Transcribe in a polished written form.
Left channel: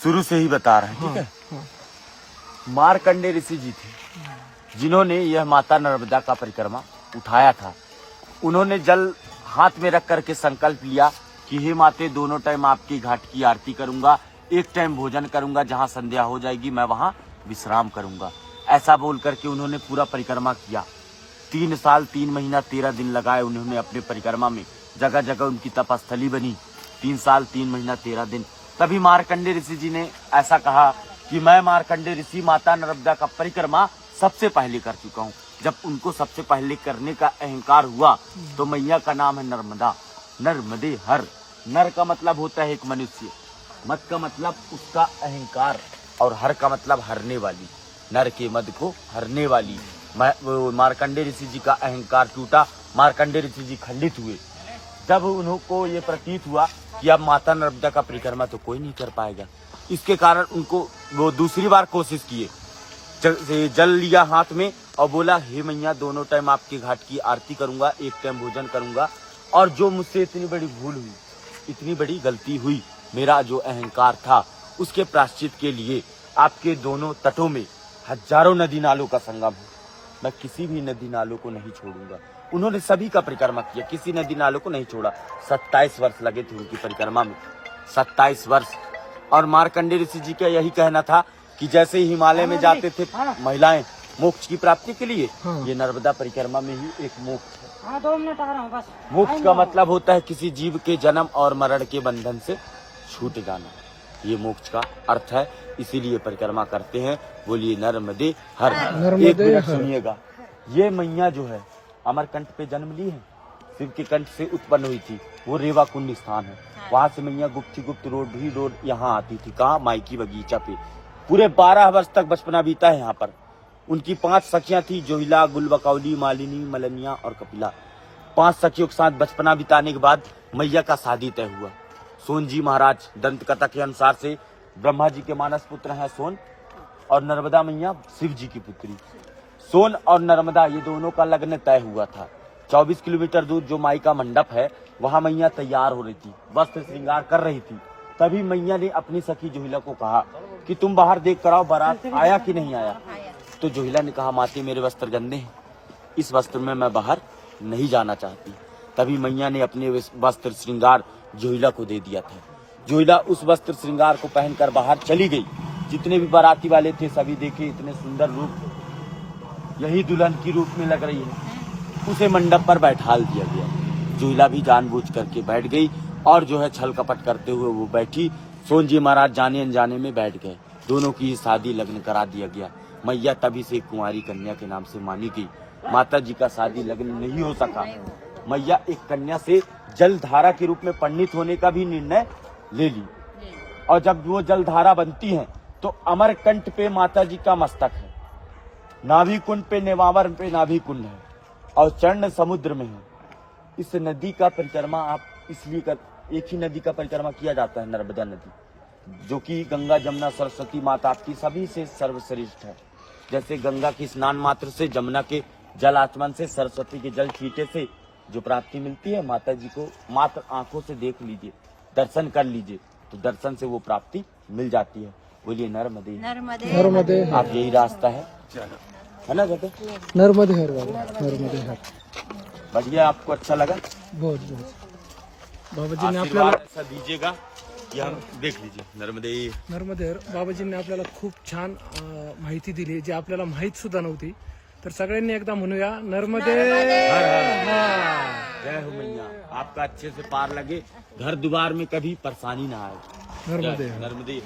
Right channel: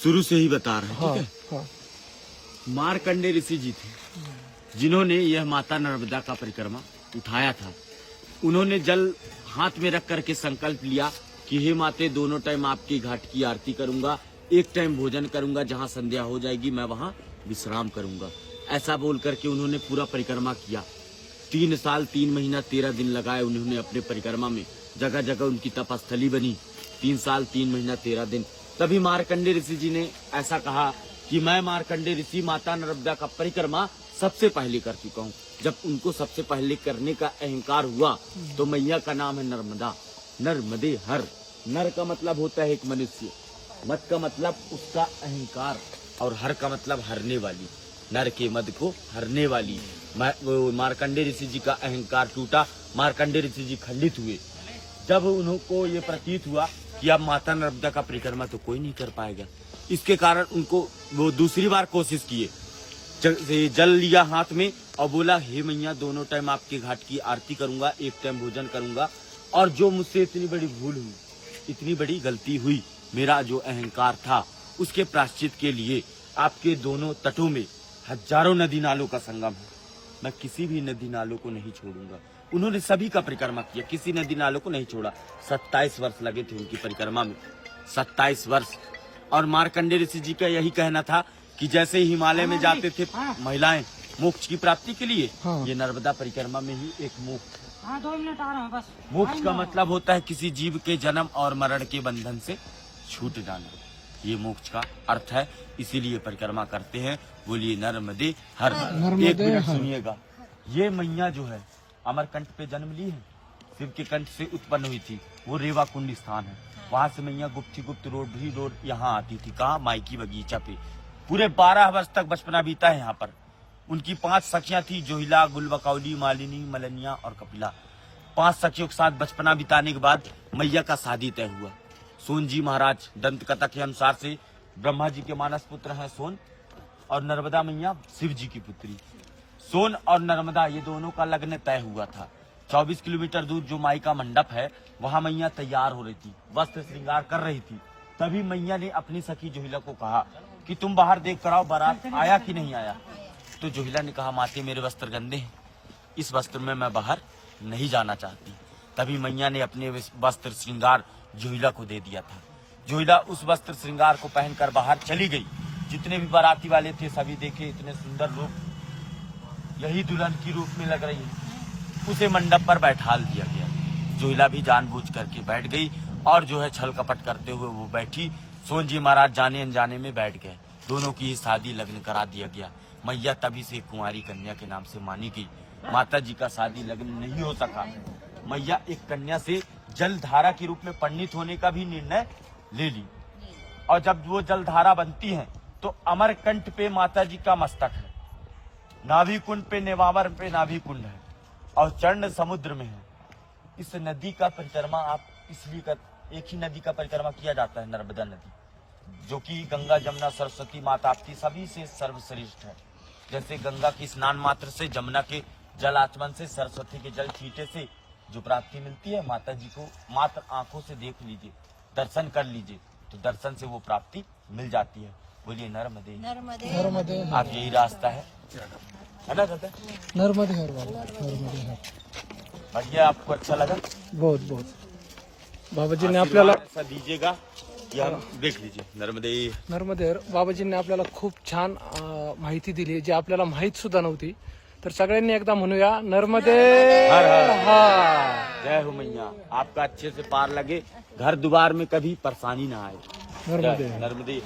शुरू से ही बता रहे हैं, ठीक है। मार्कंडेय ऋषि जी थे जिन्होंने यह माता नर्मदा का परिक्रमा उठाया था। उन्होंने जल हाथ में रख करके संकल्प लिया कि हे माते, दोनों टाइम आपकी घाट की आरती करूंगा, एक टाइम भोजन करूंगा, जहां संध्या हो जाएगी मैं वहां विश्राम करूंगा। ऐसा बोल करके उन्होंने पूरा परिक्रमा किया। 3 साल 3 महीना 13 दिन लगाए उन्होंने अपने परिक्रमा में। जगह जगह उनकी तपस्थली बनी। 3 साल 3 महीना 13 दिन। तभी मार्कंडेय ऋषि जी ने ऐसा कहा कि मैं मार्कंडेय ऋषि माता नर्मदा का परिक्रमा सबसे पहले कर चुका हूँ। जब उनको सबसे पहले करने का अहंकार हुआ तो मैया का नाम है नर्मदा। नर्मदे हर। नर का मतलब होता है एक मनुष्य, मत का मतलब उसका अहंकार, और हर का मतलब हरने वाली। नर के मद को हरने वाली। मार्कंडेय ऋषि जी का अहंकार टूटा। मार्कंडेय ऋषि जी खंडित हुए। जब उनको ये प्रतीत हुआ कि अब माता नर्मदा का परिक्रमा तो कोई नहीं कर पाएगा, इसके कारण उनको वो दूसरी बार कोशिश किए। जल लिया हाथ में और बोला, हे मैया, दोनों टाइम आपके घाट की आरती करूंगा, एक टाइम भोजन करूंगा, और जो मुझसे इतनी बड़ी भूल हुई, इतनी बड़ी गलती हुई, मेरा जो अहंकार था, उसके प्रायश्चित के लिए आपके दोनों तटों में हजारों नदी नालों का संगम है। मैं किसी भी नदी नालों को नहीं छोड़ूंगा। उन्होंने सभी का परिक्रमा किया, किसी नदी नालों को नहीं छोड़ा। 27 वर्ष लगे थे उनकी परिक्रमा में, 27 वर्ष। और मार्कंडेय ऋषि जी का यही कहना था कि जैसे ही हिमालय में जाते थे महिलाएं मोक्ष की प्राप्ति के लिए, ये नर्मदा परिक्रमा में ही एक मोक्ष है। 2 मिनट आ रहा हूँ बस। मोक्ष का मतलब होता है किसी जीव के जन्म और मरण के बंधन से छूट जाना। ये मोक्ष का अर्थ है, इसीलिए परिक्रमा करते हैं। बोलिए नर्मदे हर। एक मिनट सुनिएगा। ये मैया जो है अमरकंठ पे जन्म ली है, शिव के कंठ से उत्पन्न हुई थी। वो रेवा कुंड स्थान है। वहाँ से मैया गुप्त रोड यहाँ आती थी। कहाँ? माइकी बगीचा पे। पूरे 12 वर्ष तक बचपना बीता है यहाँ पर। उनकी 5 सखियां थी, जोहिला, गुलबकौली, मालिनी, मलनिया और कपिला। 5 सखियों के साथ बचपना बिताने के बाद मैया का शादी तय हुआ। सोन जी महाराज, दंत कथा के अनुसार से ब्रह्मा जी के मानस पुत्र हैं सोन, और नर्मदा मैया शिव जी की पुत्री। सोन और नर्मदा ये दोनों का लग्न तय हुआ था। 24 किलोमीटर दूर जो माई का मंडप है, वहाँ मैया तैयार हो रही थी, वस्त्र श्रृंगार कर रही थी। तभी मैया ने अपनी सखी जोहिला को कहा कि तुम बाहर देख कर आओ, बारात आया कि नहीं आया। तो जोहिला ने कहा, माती मेरे वस्त्र गंदे हैं, इस वस्त्र में मैं बाहर नहीं जाना चाहती। तभी मैया ने अपने वस्त्र श्रृंगार जोहिला को दे दिया था। जोहिला उस वस्त्र श्रृंगार को पहनकर बाहर चली गई। जितने भी बाराती वाले थे सभी देखे, इतने सुंदर रूप, यही दुल्हन की रूप में लग रही है। उसे मंडप पर बैठाल दिया गया। जोहिला भी जानबूझ करके बैठ गई, और जो है छल कपट करते हुए वो बैठी। सोन जी महाराज जाने अनजाने में बैठ गए। दोनों की शादी लग्न करा दिया गया। मैया तभी से कुंवारी कन्या के नाम से मानी गई। माता जी का शादी लग्न नहीं हो सका। मैया एक कन्या से जलधारा के रूप में परिणित होने का भी निर्णय ले ली। और जब वो जलधारा बनती है तो अमरकंठ पे माता जी का मस्तक है, नाभि कुंड पे, नेमावर पे नाभि कुंड है, और चरण समुद्र में है। इस नदी का परिक्रमा आप इसलिए एक ही नदी का परिक्रमा किया जाता है, नर्मदा नदी, जो कि गंगा, जमुना, सरस्वती, माँ ताप्ती सभी से सर्वश्रेष्ठ है। जैसे गंगा की स्नान मात्र से, जमुना के जल आचमन से, सरस्वती के जल छींटे से जो प्राप्ति मिलती है, माता जी को मात्र आंखों से देख लीजिए, दर्शन कर लीजिए, तो दर्शन से वो प्राप्ति मिल जाती है। बोलिए नर्मदे नर्मदे। आप यही रास्ता है ना कहते? नर्मदे हर बाबा, नर्मदे हर। बढ़िया, आपको अच्छा लगा? बहुत बहुत। बाबाजींनी आपल्याला ऐसा दीजिएगा कि हम देख लीजिए। नर्मदे नर्मदे हर। बाबाजींनी आपल्याला खूप छान माहिती दिली, जी आपल्याला माहित सुद्धा नव्हती। तर सगळ्यांनी एकदा म्हणूया, नर्मदे हर हर। हर। जय हो मैया, आपका अच्छे से पार लगे, घर द्वार में कभी परेशानी ना आए। नर्मदे हर। नर्मदे।